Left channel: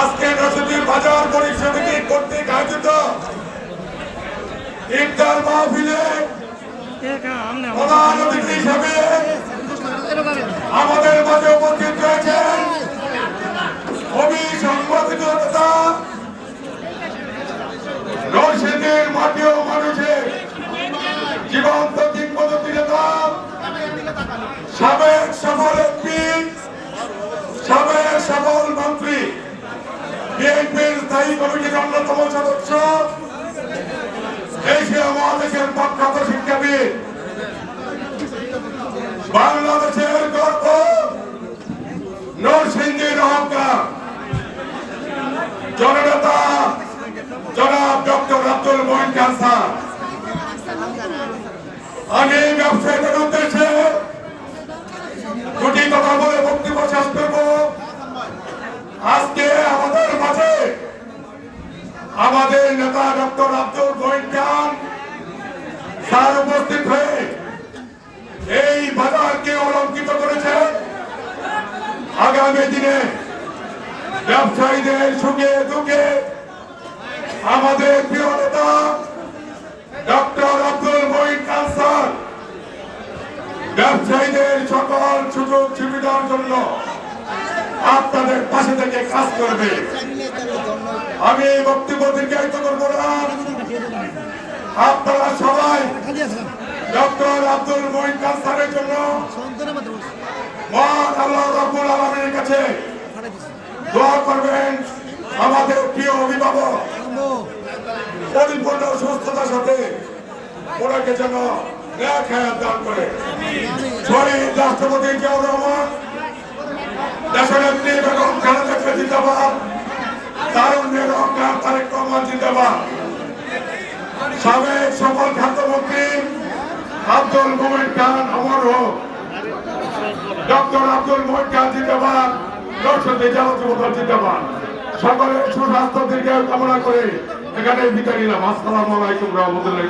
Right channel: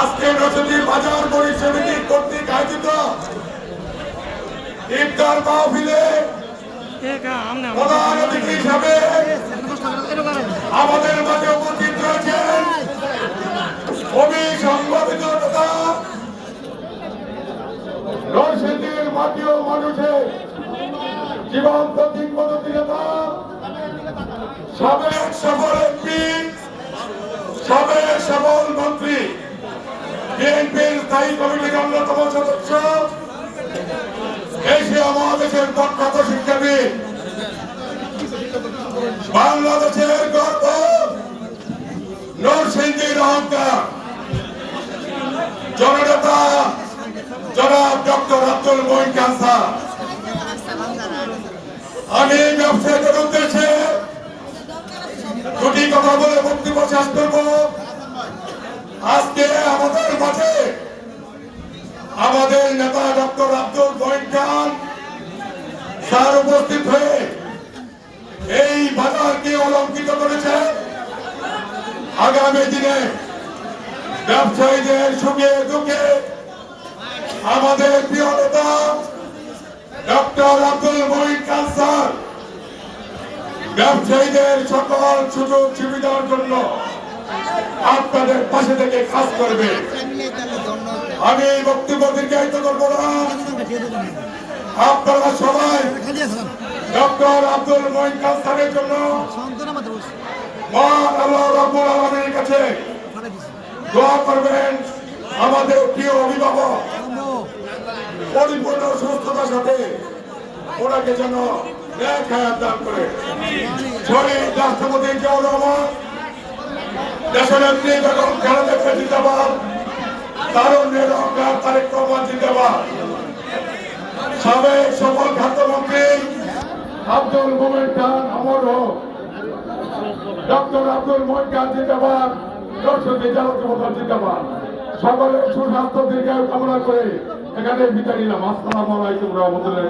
আজকে নরসদী বাজার পরিসমিতি কর্তৃক আয়োজিত, ইফতার মাহফিলে প্রধান অতিথি হিসাবে আমাদের মাঝে উপস্থিত রয়েছেন কবি, সাংবাদিক নেতা নরসিংদীর মাটি মানুষের জীবন্ত কিংবদন্তি নেতা সাবেক সফল এমপি সাবেক সফল মন্ত্রী বিএনপির স্থায়ী কমিটির অন্যতম সদস্য। এশিয়া মহাদেশের প্রখ্যাত শিক্ষাবিদ, বাংলাদেশের গর্ব নরসিংদীর অহংকার জননেতা জনাব ডক্টর আব্দুল মহিন খান আমি ব্যবসায়ীদের উদ্দেশ্যে দুটি কথা বলে বক্তব্য শেষ আমাদের নেতা ডক্টর আব্দুল মহিন খান স্যার উপস্থিত হয়ে এই বাজারকে অলঙ্কিত করেছে আগামী দিনে ব্যবসায়ীদের সুখে দুঃখে আমাদের প্রিয় নেতা ডক্টর আব্দুল মহিন খান স্যার, ব্যবসায়ীদের সকল সুযোগ সুবিধার জন্য আপনাদের পাশে থেকে কাজ করবে। আমি এই বক্তব্য দীর্ঘায়িত করব না। আপনারা সবাই ডক্টর আব্দুল মহিন খান জন্য মহান কাছে দোয়া করবেন। আমাদের প্রিয় অভিভাবক, পরিপূর্ণ সুস্থতার সাথে ওনাকে যেন দান করে। শহীদ রাষ্ট্রপতি জিয়াউর রহমান দেশনেত্রী বেগম খালেদা জিন্দাবাদ। তারুণ্যের অঙ্কার তারেক রহমান জিন্দাবাদ। সাবেক সফল খাদ্যমন্ত্রী আব্দুল মোমেন খান অমর হোক। ডক্টর আব্দুল মোমেন খান জিন্দাবাদ। দর্শক জেলা জিন্দাবাদ। সকলের সুস্বাস্থ্য দীর্ঘায়ু কামনা করে এখানে নিলাম। আসসালামু আলাইকুম রহমতুল্লাহ